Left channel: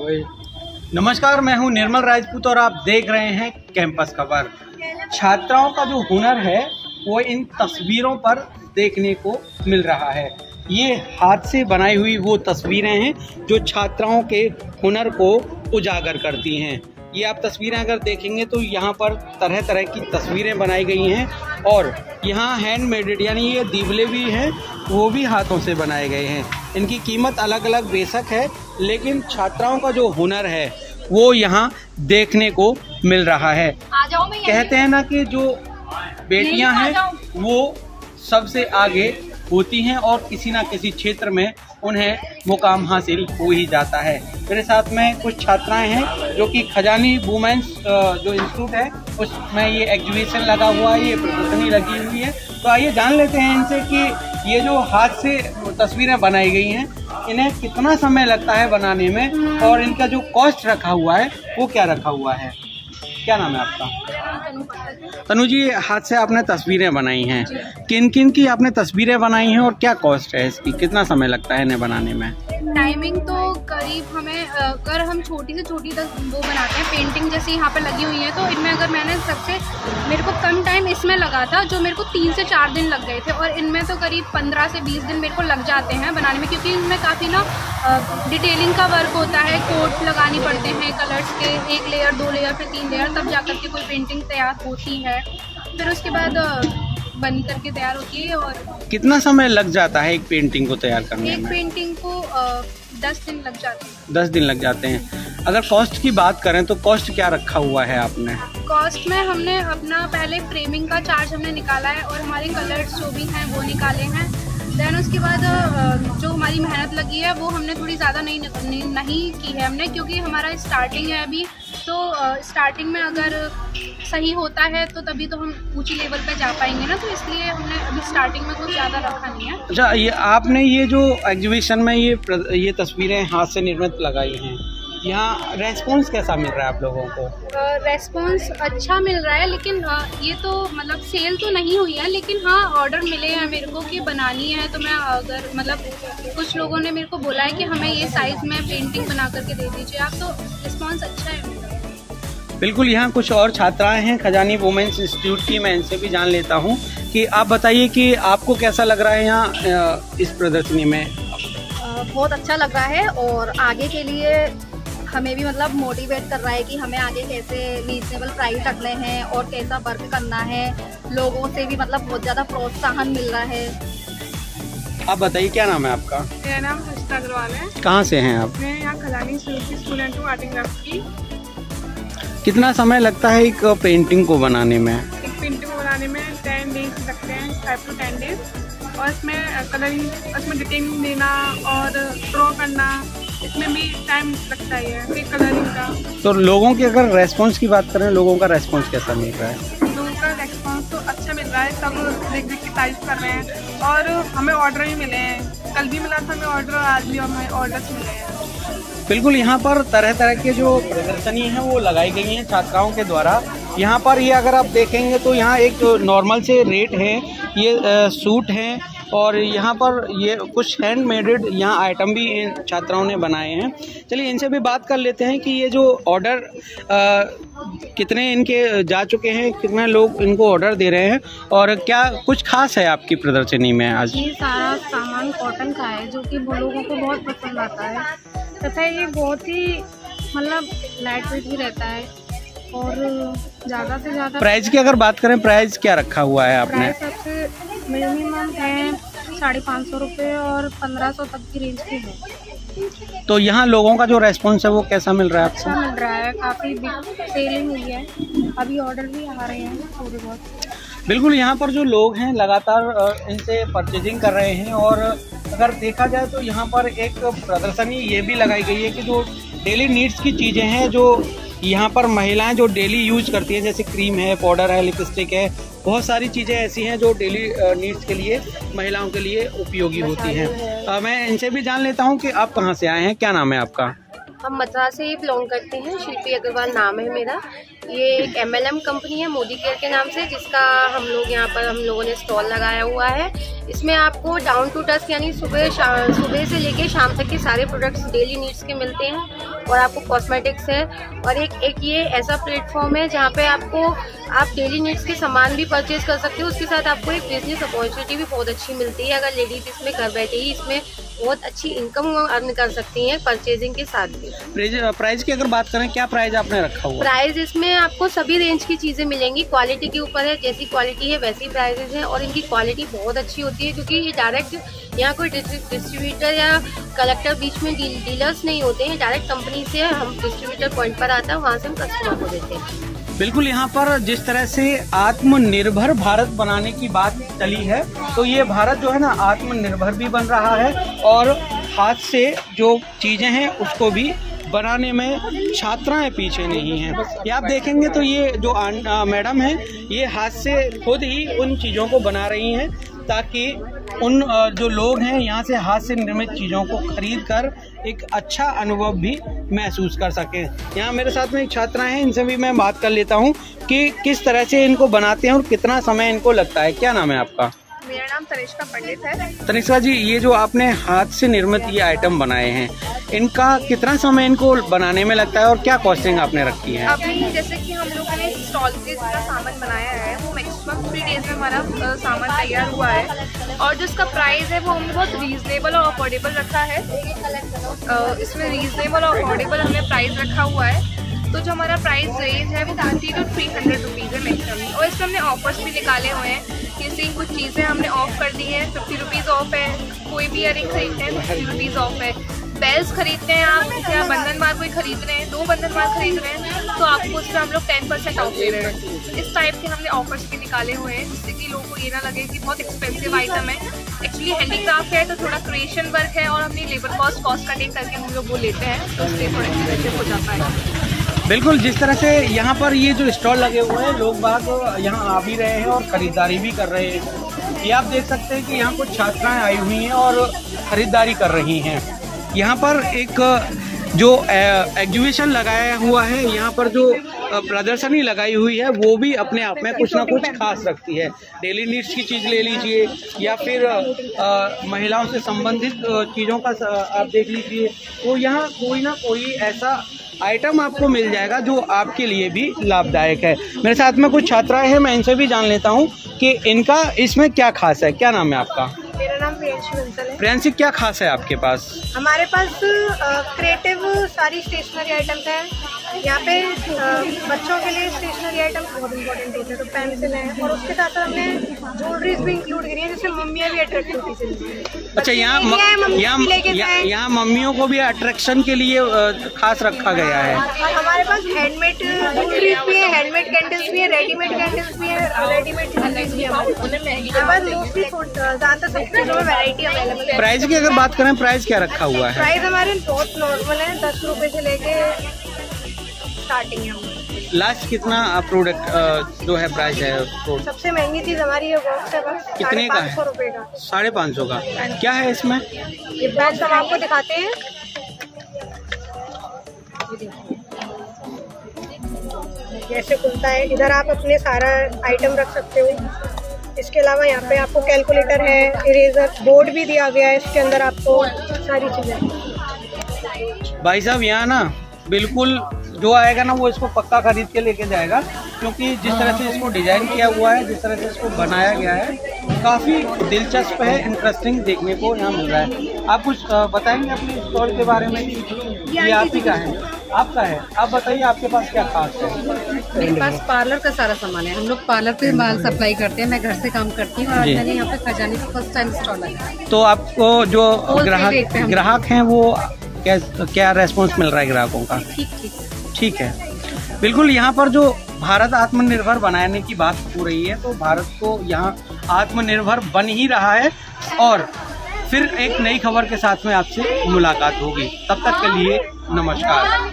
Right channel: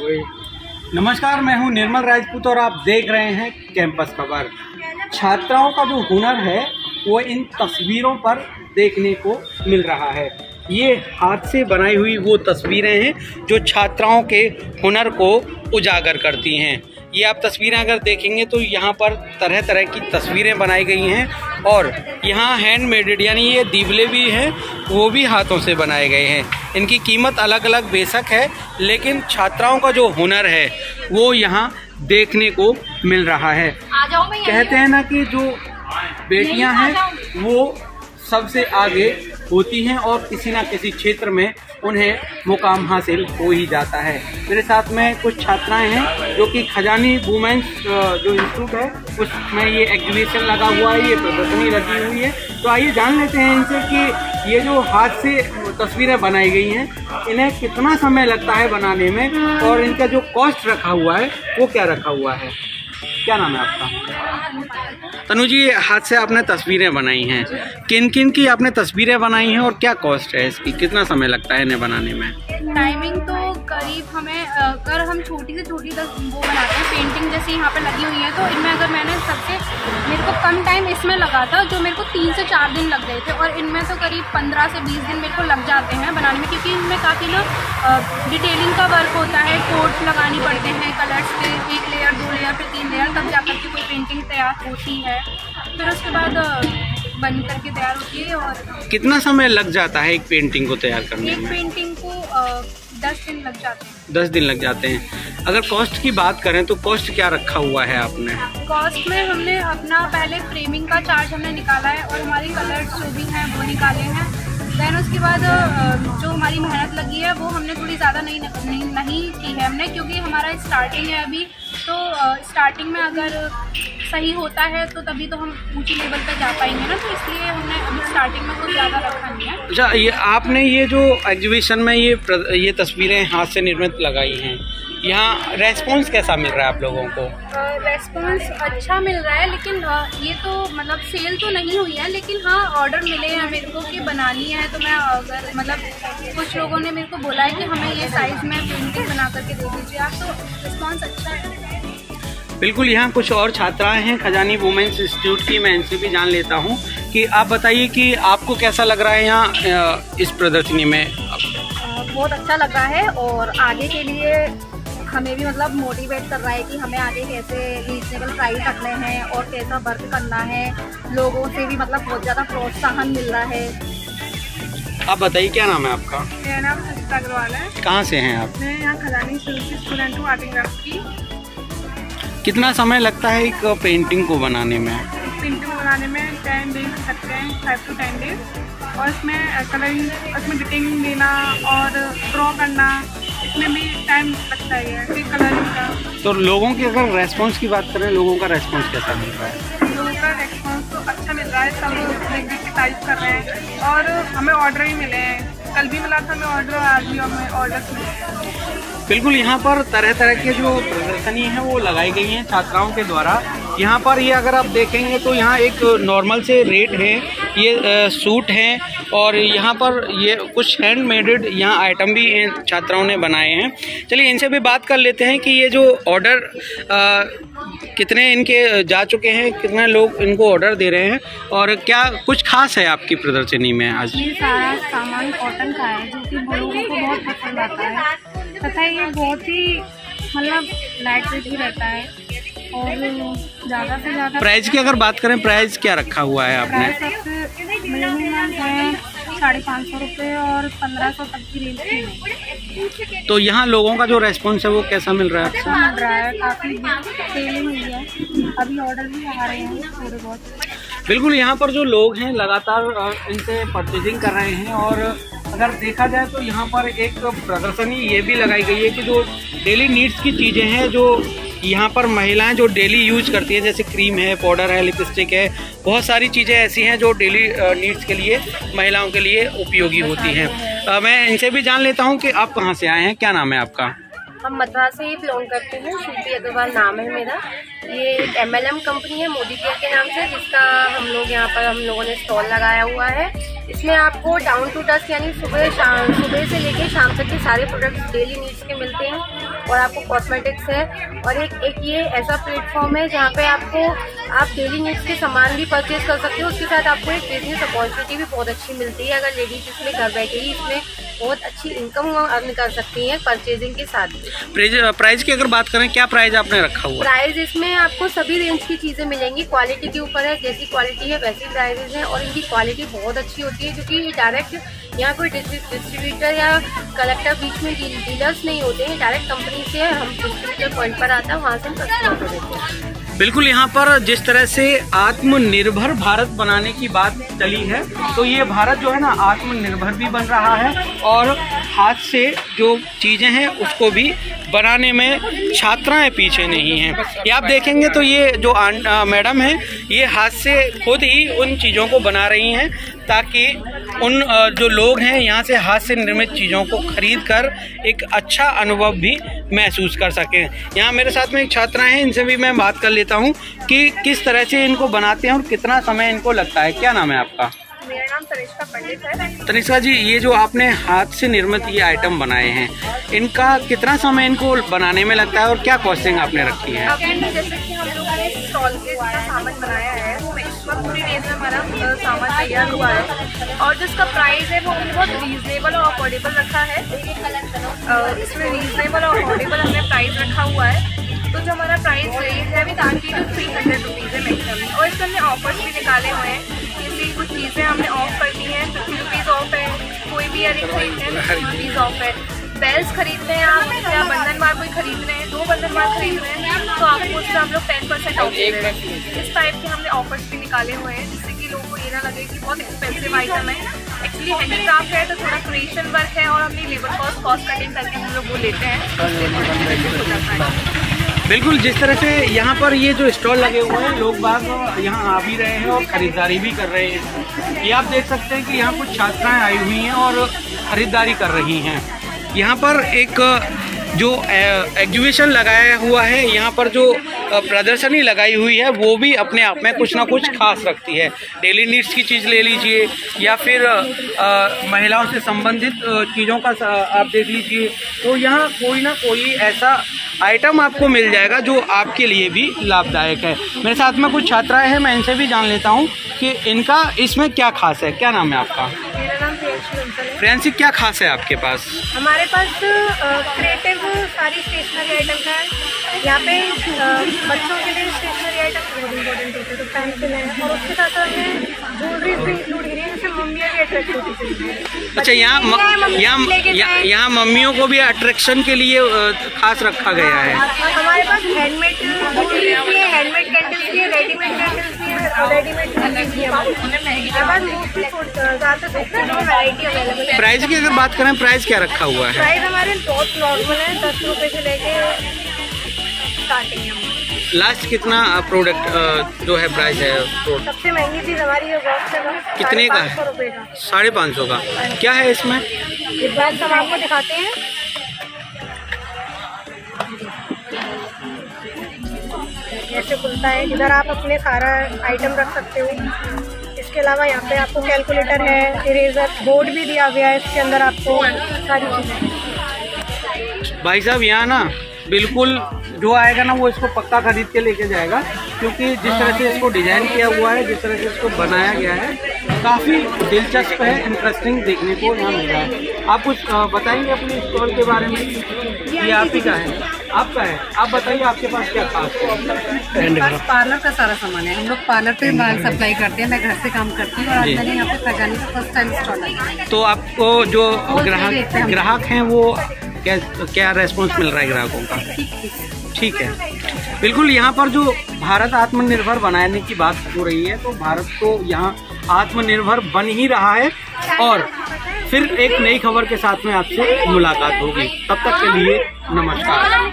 नमस्कार, मैं हूं निर्मल राजपूत और आप देख रहे हैं कैंपस खबर। छात्राओं का जो हुनर है वो इन तस्वीरों पर देखने को मिल रहा है। ये हाथ से बनाई हुई वो तस्वीरें हैं जो छात्राओं के हुनर को उजागर करती हैं। ये आप तस्वीरें अगर देखेंगे तो यहाँ पर तरह तरह की तस्वीरें बनाई गई हैं और यहाँ हैंडमेड यानी ये दीवले भी हैं, वो भी हाथों से बनाए गए हैं। इनकी कीमत अलग अलग बेशक है, लेकिन छात्राओं का जो हुनर है वो यहाँ देखने को मिल रहा है। कहते हैं ना कि जो बेटियां हैं वो सबसे आगे होती हैं और किसी ना किसी क्षेत्र में उन्हें मुकाम हासिल हो ही जाता है। मेरे साथ में कुछ छात्राएं हैं जो कि खजानी वुमेन्स जो इंस्टीट्यूट है उसमें ये एग्जीबिशन लगा हुआ है, ये प्रदर्शनी लगी हुई है। तो आइए जान लेते हैं इनसे कि ये जो हाथ से तस्वीरें बनाई गई हैं इन्हें कितना समय लगता है बनाने में और इनका जो कॉस्ट रखा हुआ है वो क्या रखा हुआ है। क्या नाम है आपका? तनु जी, हाथ से आपने तस्वीरें बनाई हैं, किन किन की आपने तस्वीरें बनाई हैं और क्या कॉस्ट है इसकी, कितना समय लगता है इन्हें बनाने में? टाइमिंग तो करीब हमें अगर हम छोटी से छोटी वो बनाते हैं पेंटिंग जैसे यहाँ पे लगी हुई है तो इनमें अगर मैंने मेरे को कम टाइम इसमें लगा था जो मेरे को 3 से 4 दिन लग गए थे और इनमें तो करीब 15 से 20 दिन मेरे को लग जाते हैं बनाने में, क्योंकि इनमें काफ़ी ना डिटेलिंग का वर्क होता है, कोड्स लगानी पड़ते हैं कलर्स के, 1 लेयर 2 लेयर फिर 3 लेयर, तब जाकर के कोई पेंटिंग तैयार होती है। फिर उसके बाद बन करके तैयार होती है। और कितना समय लग जाता है एक पेंटिंग को तैयार करने में? एक पेंटिंग को 10 दिन लग जाते हैं। 10 दिन लग जाते हैं। अगर कॉस्ट की बात करें तो कॉस्ट क्या रखा हुआ है आपने? कॉस्ट में हमने अपना पहले फ्रेमिंग का चार्ज हमने निकाला है और हमारे कलर्स जो भी हैं वो निकाले हैं। देन उसके बाद जो हमारी मेहनत लगी है वो हमने थोड़ी ज़्यादा नहीं की है हमने, क्योंकि हमारा स्टार्टिंग है अभी। तो स्टार्टिंग में अगर सही होता है तो तभी तो हम ऊंची लेवल पे जा पाएंगे ना, तो इसलिए हमने अभी स्टार्टिंग में कुछ ज़्यादा रखा नहीं है। अच्छा, ये आपने ये जो एग्जीबिशन में ये तस्वीरें हाथ से निर्मित लगाई हैं, यहाँ रेस्पॉन्स कैसा मिल रहा है आप लोगों को? रेस्पॉन्स अच्छा मिल रहा है, लेकिन ये तो मतलब सेल तो नहीं हुई है, लेकिन हाँ ऑर्डर मिले हैं मेरे को कि बनानी है। तो मैं अगर मतलब कुछ लोगों ने मेरे को बोला है कि हमें ये साइज़ में पेंटिंग बना करके दे दीजिए आप, तो रिस्पॉन्स अच्छा है। बिल्कुल, यहाँ कुछ और छात्राएं हैं खजानी वुमेन्स इंस्टीट्यूट की, मैं इनसे भी जान लेता हूँ कि आप बताइए कि आपको कैसा लग रहा है यहाँ इस प्रदर्शनी में? बहुत अच्छा लगा है और आगे के लिए हमें भी मतलब मोटिवेट कर रहा है कि हमें आगे कैसे रीजनेबल प्राइस रखने हैं और कैसा वर्क करना है। लोगों से भी मतलब बहुत ज़्यादा प्रोत्साहन मिल रहा है। आप बताइए, क्या नाम है आपका? मेरा नाम हर्षिता अग्रवाल है। कहाँ से हैं आप? मैं यहाँ खजानी स्टूडेंट हूँ आर्ट एंड क्राफ्ट की। कितना समय लगता है एक पेंटिंग को बनाने में? एक पेंटिंग बनाने में 10 डेज लगते हैं, 5 to 10 डेज। और इसमें कलरिंग, इसमें डिटेलिंग देना और ड्रॉ करना, इसमें भी टाइम लगता है फिर कलरिंग का। तो लोगों के अगर रेस्पॉन्स की बात करें, लोगों का रेस्पॉन्स कैसा मिल रहा है? लोगों का रेस्पॉन्स तो अच्छा मिल रहा है, सब देख देख के तारीफ कर रहे हैं और हमें ऑर्डर भी मिले हैं। कल भी मिला था हमें ऑर्डर, आज भी हमें ऑर्डर मिले हैं। बिल्कुल, यहाँ पर तरह तरह के जो प्रदर्शनी है वो लगाई गई हैं छात्राओं के द्वारा। यहाँ पर ये अगर आप देखेंगे तो यहाँ एक नॉर्मल से रेट है, ये सूट हैं और यहाँ पर ये कुछ हैंडमेड यहाँ आइटम भी छात्राओं ने बनाए हैं। चलिए इनसे भी बात कर लेते हैं कि ये जो ऑर्डर कितने इनके जा चुके हैं, कितने लोग इनको ऑर्डर दे रहे हैं और क्या कुछ खास है आपकी प्रदर्शनी में आज? ये सारा सामान कॉटन का है जो कि लोगों को बहुत पसंद आता है तथा ये बहुत ही मतलब लाइट वेट भी रहता है और ज़्यादा से ज़्यादा। प्राइस की अगर बात करें, प्राइस क्या रखा हुआ है आपने? प्राइस सबसे मिनिमम है 550 रुपये और 1500 तक की रेंज की है। तो यहाँ लोगों का जो रेस्पॉन्स है वो कैसा मिल रहा है आपको? अच्छा मिल रहा है, काफ़ी सेलिंग हुई है, अभी ऑर्डर भी आ रहे हैं थोड़े बहुत। बिल्कुल, यहाँ पर जो लोग हैं लगातार इनसे परचेजिंग कर रहे हैं और अगर देखा जाए तो यहाँ पर एक प्रदर्शनी ये भी लगाई गई है कि जो डेली नीड्स की चीज़ें हैं जो यहाँ पर महिलाएं जो डेली यूज करती हैं, जैसे क्रीम है, पाउडर है, लिपस्टिक है, बहुत सारी चीज़ें ऐसी हैं जो डेली नीड्स के लिए महिलाओं के लिए उपयोगी होती हैं। मैं इनसे भी जान लेता हूँ कि आप कहाँ से आए हैं, क्या नाम है आपका? हम मथुरा से ही बिलोंग करते हैं, शिल्पी अग्रवाल नाम है मेरा। ये एक MLM कंपनी है मोदी केयर के नाम से, जिसका हम लोगों ने स्टॉल लगाया हुआ है। इसमें आपको डाउन टू डस्ट यानी सुबह से लेके शाम तक के सारे प्रोडक्ट्स डेली नीड्स के मिलते हैं। और आपको कॉस्मेटिक्स है, और एक ये ऐसा प्लेटफॉर्म है जहाँ पे आपको आप डेली नीड्स के सामान भी परचेज कर सकते हो। उसके साथ आपको एक बिजनेस अपॉर्चुनिटी भी बहुत अच्छी मिलती है। अगर लेडीज इसमें घर बैठे ही इसमें बहुत अच्छी इनकम अर्न कर सकती हैं परचेजिंग के साथ भी। प्राइस की अगर बात करें, क्या प्राइस आपने रखा हुआ है? प्राइस इसमें आपको सभी रेंज की चीजें मिलेंगी, क्वालिटी के ऊपर है, जैसी क्वालिटी है वैसी प्राइसेस हैं, और इनकी क्वालिटी बहुत अच्छी होती है क्योंकि ये डायरेक्ट यहाँ कोई डिस्ट्रीब्यूटर या कलेक्टर बीच में डीलर्स नहीं होते हैं, डायरेक्ट कंपनी से हम डिस्ट्रीब्यूटर पॉइंट पर आता है, वहाँ से हम कस्टमर को देते हैं। बिल्कुल, यहाँ पर जिस तरह से आत्मनिर्भर भारत बनाने की बात चली है, तो ये भारत जो है ना आत्मनिर्भर भी बन रहा है, और हाथ से जो चीजें हैं उसको भी बनाने में छात्राएं पीछे नहीं हैं। ये आप देखेंगे तो ये जो मैडम है ये हाथ से खुद ही उन चीज़ों को बना रही हैं ताकि उन जो लोग हैं यहाँ से हाथ से निर्मित चीज़ों को खरीद कर एक अच्छा अनुभव भी महसूस कर सकें। यहाँ मेरे साथ में एक छात्रा हैं, इनसे भी मैं बात कर लेता हूँ कि किस तरह से इनको बनाते हैं और कितना समय इनको लगता है। क्या नाम है आपका? मेरा नाम तनिष्का पंडित है। तनिष्का जी, ये जो आपने हाथ से निर्मित ये आइटम बनाए हैं, इनका कितना समय इनको बनाने में लगता है और क्या कॉस्टिंग आपने रखी है? अभी जैसे कि हम लोगों ने स्टॉल के जितना सामान बनाया है वो मैक्सिमम 3 डेज में हमारा सामान तैयार हुआ है, और जो इसका प्राइस है वो हमने बहुत रीजनेबल और अफोर्डेबल रखा है। इसमें रीजनेबल और अफोर्डेबल हमने प्राइस रखा हुआ है। तो जो हमारा प्राइस रेंज है वो 30 to 300 रुपीज़ है मैक्सिमम, और इसमें हमने ऑफर्स भी निकाले हुए हैं। जैसे कुछ चीज़ें हमने ऑफ कर दी हैं, 50 रुपीज़ ऑफ है, कोई भी इयरिंग खरीदते हैं 50 रुपीज़ ऑफ है। बेल्स खरीदते हैं आप, जैसे आप बंधन बार कोई खरीद रहे हैं, 2 बंधन बार खरीद रहे हैं तो आपको उससे हम लोग 10% ऑफ दे रहे हैं। इस टाइप के हमने ऑफर्स भी निकाले हुए हैं जिससे कि लोगों को ये ना लगे कि बहुत एक्सपेंसिव आइटम है। एक्चुअली हैंडीक्राफ्ट है तो थोड़ा क्रिएशन वर्क है, और हमने लेबर कॉस्ट कटिंग करके हम लोग वो लेते हैं, तो उससे हो जाता है। बिल्कुल, जिस तरह से यहाँ पर ये जो स्टॉल लगे हुए हैं, लोग बाग यहाँ आ भी रहे हैं और खरीदारी भी कर रहे हैं। ये आप देख सकते हैं कि यहाँ कुछ छात्राएं आई हुई हैं और खरीदारी कर रही हैं। यहाँ पर एक जो एग्जीबिशन लगाया हुआ है, यहाँ पर जो प्रदर्शनी लगाई हुई है वो भी अपने आप में कुछ ना कुछ खास रखती है। डेली नीड्स की चीज़ ले लीजिए या फिर महिलाओं से संबंधित चीज़ों का आप देख लीजिए, तो यहाँ कोई ना कोई ऐसा आइटम आपको मिल जाएगा जो आपके लिए भी लाभदायक है। मेरे साथ में कुछ छात्राएं हैं, मैं इनसे भी जान लेता हूँ कि इनका इसमें क्या खास है। क्या नाम है आपका? मेरा नाम प्रियंशी है। प्रियंशी, क्या खास है आपके पास? हमारे पास क्रिएटिव सारी स्टेशनरी आइटम्स हैं। यहाँ पे बच्चों के लिए स्टेशनरी आइटम बहुत इंपॉर्टेंट होते हैं, तो पेंसिल है, और उसके साथ हमें ज्वेलरीज भी इंक्लूड करी है, जिससे मम्मियाँ भी अट्रैक्ट होती हैं। अच्छा, यहाँ मम्मियों को भी अट्रैक्शन के लिए खास रखा गया है। हमारे पास हैंडमेड ज्वेलरीज भी है, हैंडमेड कैंडल्स भी है, रेडीमेड कैंडल्स भी है, और रेडीमेड ज्वेलरीज भी है। हमारे पास मोस्टली ज़्यादातर वैरायटी अवेलेबल है। प्राइस की अगर बात करें, प्राइस क्या रखा हुआ है? प्राइस हमारे बहुत नॉर्मल है, 10 रुपये से लेके स्टार्टिंग है। लास्ट कितना प्रोडक्ट जो है प्राइस है? सबसे महंगी चीज़ हमारी ये बॉक्स है, बस कितने का है? 500 रुपये का। 550 का। क्या है इसमें? ये बॉक्स हम आपको दिखाते हैं। ऐसे खुलता है, इधर आप अपने सारा आइटम रख सकते हो। इसके अलावा यहाँ पे आपको कैलकुलेटर है, इरेजर बोर्ड भी दिया गया है, इसके अंदर आपको सारी चीज़ें। भाई साहब, यहाँ ना बिल्कुल जो आएगा ना वो इसको पक्का खरीद के लेके जाएगा, क्योंकि जिस तरह से इसको डिजाइन किया हुआ है, जिस तरह से इसको बनाया गया है, काफ़ी दिलचस्प है, इंटरेस्टिंग देखने को यहाँ मिल रहा है। आप कुछ बताएंगे अपने स्टॉल के बारे में? ये आप ही का है? आपका है? आप बताइए आपके पास क्या खास है? मेरे पास पार्लर का सारा सामान है। हम लोग पार्लर पे माल सप्लाई करते हैं, मैं घर से काम करती हूँ, और मैंने यहाँ पे खजानी का फर्स्ट टाइम स्टॉल है। तो आपको जो ग्राहक हैं वो क्या रेस्पॉन्स मिल रहा है ग्राहकों का? ठीक है। बिल्कुल, यहाँ पर जो भारत आत्मनिर्भर बनाने की बात हो रही है, तो भारत तो यहाँ आत्मनिर्भर बन ही रहा है। और फिर एक नई खबर के साथ में आपसे मुलाकात होगी, तब तक के लिए नमस्कार।